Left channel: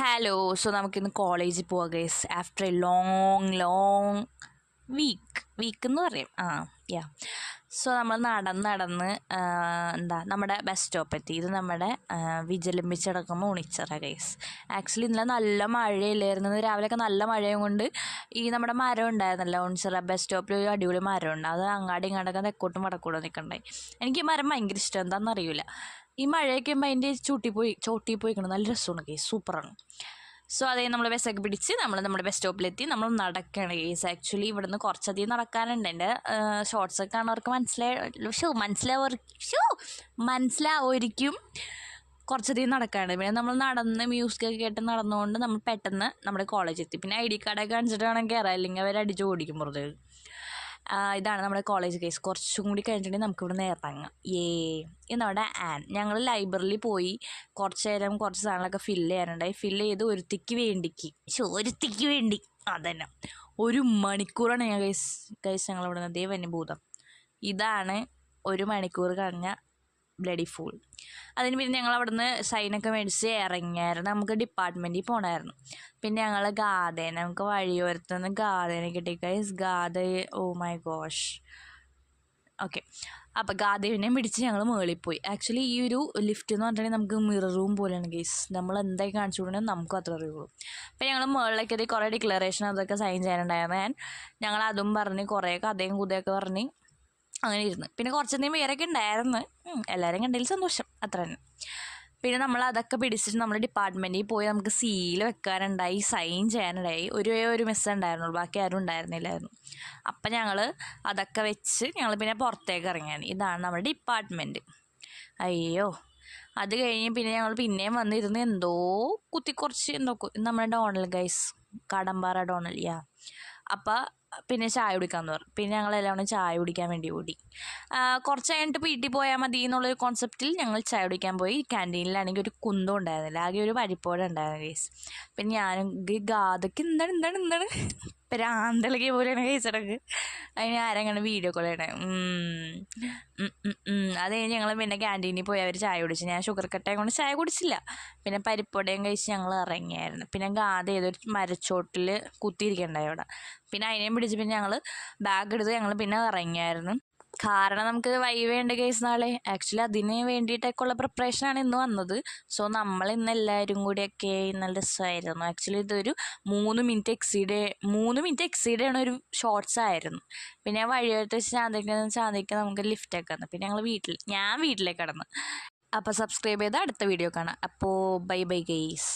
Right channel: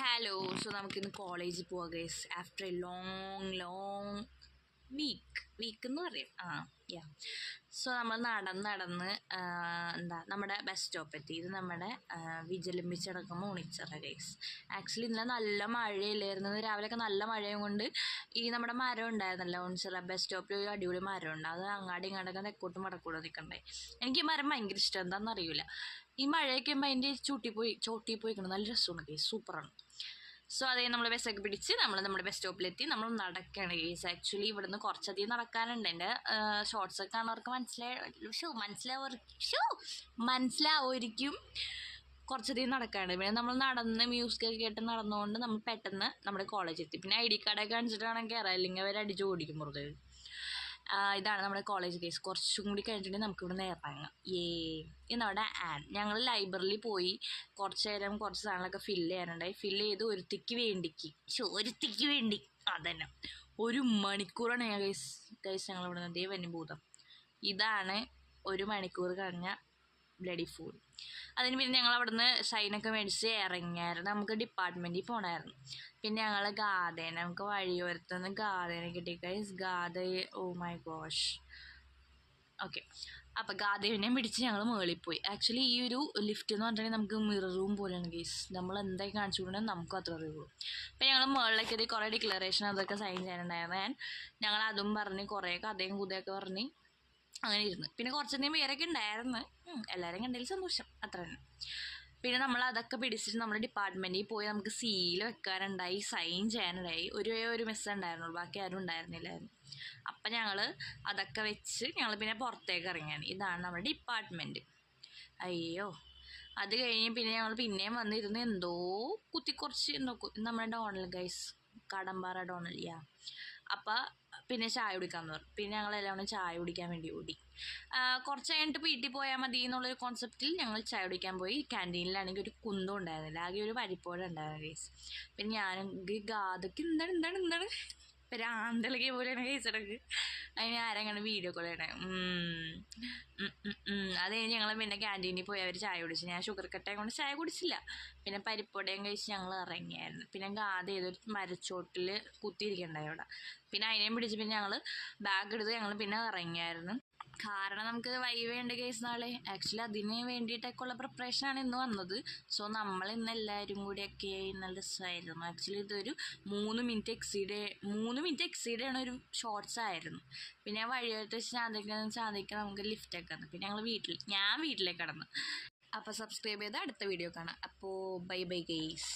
Hello. So നമുക്കിന്ന് കോളേജിൽ പോവാം guys. After a long week എന്ന് പറയും. യാ. സോ നമ്മൾ നടന്ന് നമ്മുടെ ബസ് സ്റ്റോപ്പ് എത്തി. ഇത് നമ്മുടെ വിജലംബിച്ചടക്കുമ്പോൾ ഉണിച്ചിറ ഗൈസ്. ആക്ച്വലി ഇന്നലെ നല്ല മഴയില്ലായിരുന്നു. രാവിലെയൊക്കെ നല്ല മഴയും കൊണ്ട് ഈ നമ്മുടെ മരം ഉണ്ടായിരുന്നല്ലോ ഉണിച്ചിറ ബസ് സ്റ്റോപ്പിൽ ഒരു അടിപൊളി മരമുണ്ട്. അത് അങ്ങാടി ഇങ്ങോട്ടൊക്കെ തെക്കോട്ടും വടക്കോട്ടും നിൽക്കണ്ടായി. എനിക്ക് ഈ മരം ഭയങ്കര ഇഷ്ടം, എന്താണെന്നറിയില്ല. ഈ മഴയൊക്കെ ആകുമ്പോൾ അതിൻ്റെ ചോട്ടി പോയിക്കണം. നല്ല രസമാണ് കേസ്, സൂപ്പറാണ്. സോ അതേ നമ്മൾ ബസ്സൊക്കെ പിടിച്ച് നമ്മുടെ ബസ് സ്റ്റോപ്പിലെത്തി. നമ്മൾ നടക്കുകയാണ് കേസ്. ആക്ച്വലി ഇവിടുന്ന് കുറച്ചധികം നടക്കാനുണ്ട്. എൻ്റെ ഷോർട്സൊക്കെ കാണുന്നവർക്ക് മനസ്സിലാവുമായിരിക്കും. കുറച്ചധികം നടക്കാനുണ്ട്. പിന്നെ നമ്മൾ നടന്ന് മ്യൂസിക്കൊക്കെ കേട്ട് നടന്നുകൊണ്ട് നമ്മൾ പെട്ടെന്ന് നമ്മുടെ കോളേജ് എത്തി. പിന്നെ ID കാർഡൊക്കെ കാണിച്ചിട്ട് വേണം കയറാം, അല്ലെങ്കിൽ അവർ അടിച്ച് ഓടിക്കും പുറത്ത്. ഇതാണ് നമ്മുടെ കോളേജ് കേസ്. കുറച്ചും കൂടി കഴിഞ്ഞിട്ടുണ്ടെങ്കിൽ നമുക്കിവിടെ ഇറങ്ങാം. എന്നവിടെ ഞങ്ങൾ ലൈബ്രറിയിൽ പോയി കുറച്ച് നേരം കുറച്ച് സാധനങ്ങളൊക്കെ ഫില്ല് ചെയ്യാനുണ്ടായി. ഫില്ല് ചെയ്ത് ഒരുത്തിക്ക് വേണ്ടി അതന്നെ 1 മണിക്കൂറാണ് ഞാൻ ഗൈസ് ഞങ്ങളിവിടെ നിന്ന് വന്യഭൂതം. ഇതാണ് 1 മണിക്കൂർ കഴിഞ്ഞ ബ്ലഡി ഫൂൾ. അതിന് പിന്നെ ഞങ്ങൾ അവിടുന്ന് സൈനൊക്കെ മേടിച്ച് ഇറങ്ങിയായിരുന്നു. നമുക്ക് ഡിപ്പാർട്ട്മെൻറ്റിൽ പോകണമായിരുന്നു. പിന്നെ ഞങ്ങൾ നമുക്ക് വഴിയോരത്തുനിന്ന് ഗാഥേനെ കിട്ടി guys. Oh my gosh. Okay, അപ്പോൾ ഗാദേവിനെയും പിടിച്ച് ഞങ്ങൾ മുകളിൽ പോയി. ആക്ച്വലി ഈ ഒരു ലിഫ്റ്റ് എന്ന് പറഞ്ഞിട്ടുണ്ടെങ്കിൽ നമുക്ക് മിറർ റൂം പോലെയാണ് ഗൈസ്. നമ്മൾ എന്തായി കാണിച്ചു കൊടുക്കണമെങ്കിൽ നമുക്കും അത്ര അറിയുള്ളൂ. അപ്പോൾ ഞങ്ങൾ മുകളിലേക്ക് എത്തി. കുറേ ഡിക്ലറേഷൻ അതൊക്കെ സൈൻ ചെയ്യാനുണ്ടായിരുന്നു. ഞങ്ങൾ അതും പറഞ്ഞ് കുറേ കഥയും കുതയൊക്കെ പറഞ്ഞ് അങ്ങനെ ഇരുന്ന്. പിന്നെ കുറച്ചധികം പേരൊക്കെ ഉണ്ടായിരുന്നു. എല്ലാവരും കണ്ടതിൽ സന്തോഷം, അത്ര തന്നെ. പിന്നെ നമ്മൾ അതൊക്കെ പിടിച്ചിട്ട് നമ്മൾ ഡിപ്പാർട്ട്മെൻറ്റിൽ പോയി. നമുക്ക് സീൽ വെക്കാനുണ്ടായി, സൈൻ ചെയ്യാനുണ്ടായി. ഒരു മിസ് ഉണ്ടായിരുന്നുള്ളൂ, ബാക്കി ആരും ഉണ്ടായിരുന്നില്ലായിരുന്നു. അപ്പം ഞങ്ങൾ അതൊക്കെ വെച്ച് ഞങ്ങൾ പിന്നെ പുറത്തേക്ക് ഇറങ്ങിയാണ്. ഇതാണ് നമ്മുടെ ഡിപ്പാർട്ട്മെൻറ്റ്. അയ്യോ, അത് കഴിഞ്ഞ് പിന്നെ ഞങ്ങൾ പിന്നെയും വന്നിരുന്ന് എന്തോ കുത്തിക്കുറച്ച് നമ്മുടെ ഡോണൽ ഗൈസ്, കടമ്പാറ ഡോണൽ. അപ്പോൾ പിന്നെ ചായ കുടിക്കാമെന്ന് പറഞ്ഞു. പിന്നെ ഞങ്ങളെല്ലാം കൂടെ ചായ കുടിക്കാൻ വേണ്ടി ഓടി. കുറച്ച് കഴിഞ്ഞിട്ട് വീട്ടിൽ പോയാൽ മതി എന്നുള്ളൊരു കോൺസെപ്റ്റിൽ ഞങ്ങൾ ചായ കുടിക്കാൻ പോയി. ക്യാൻറ്റീനിലാണെങ്കിൽ ഒരു കുന്തം ഉണ്ടായിരുന്നില്ല, ആകെ ഒരു പരിപ്പോഴ ഉണ്ടായിരുന്നു കേസ്. പിന്നെ ഞാനും ഗാഥയ്ക്ക് എന്താണ് പ്രാന്തളിക പോലെയാണ് കേസടക്ക്. അതിന് ആരെങ്ങനെ വീഡിയോ കോൾ ചെയ്യണേ. അത് കഴിഞ്ഞ് ഞങ്ങൾ പിന്നെ ക്യാൻറ്റീനിൽ പോയി അവർ ചായ കുടിച്ചു. ഞാൻ ഷുഗർ കട്ടയും കൊണ്ട് ചായ കുടിച്ചില്ല. പിന്നെ പരിപ്പോടയും കഴിച്ച് ഞങ്ങൾ ഇറങ്ങിയായിരുന്നു. പിന്നെ ഗാഥ ഏതൊരു മരച്ചോട്ടിൽ കുത്തിയിരിക്കണ്ടായി അവിടെ. പിന്നെ അതിനെയും പിടിച്ച് പിന്നെ ഞങ്ങൾ ബാഗ് എടുത്ത് ഞങ്ങൾ പിന്നെ ഇറങ്ങിയായിരുന്നു. കാരണം നമുക്ക് വൈവേണ്ട കേസ് നാളെ. ആക്ച്വലി അതിന് വേണ്ടിയിട്ടൊക്കെയുള്ള പ്രിപ്പറേഷനാണ് ഇന്ന് വന്നത്. സോ നമ്മൾ ഇന്ന് എല്ലാവരും കൂടിയൊക്കെ നല്ല രസമായിരുന്നു. ആക്ച്വലി ഇതൊരു 3 മിനിറ്റ് എക്സീഡ് ചെയ്യണ ഒരു ഷോർട്സ് ആയിരുന്നു. പിന്നെ വഴിയോരത്ത് വെച്ച് ചാന്തിക്ക് നമുക്ക് ലിഫ്റ്റൊക്കെ വന്നു. പിന്നെ ഞാൻ വീട്ടിലേക്ക് കടന്നു. അപ്പോൾ സബ്സ്ക്രൈബ് ചെയ്ത് അടുത്ത വീഡിയോ കാണാം. അപ്പോൾ ബൈ ഗെയ്സ്.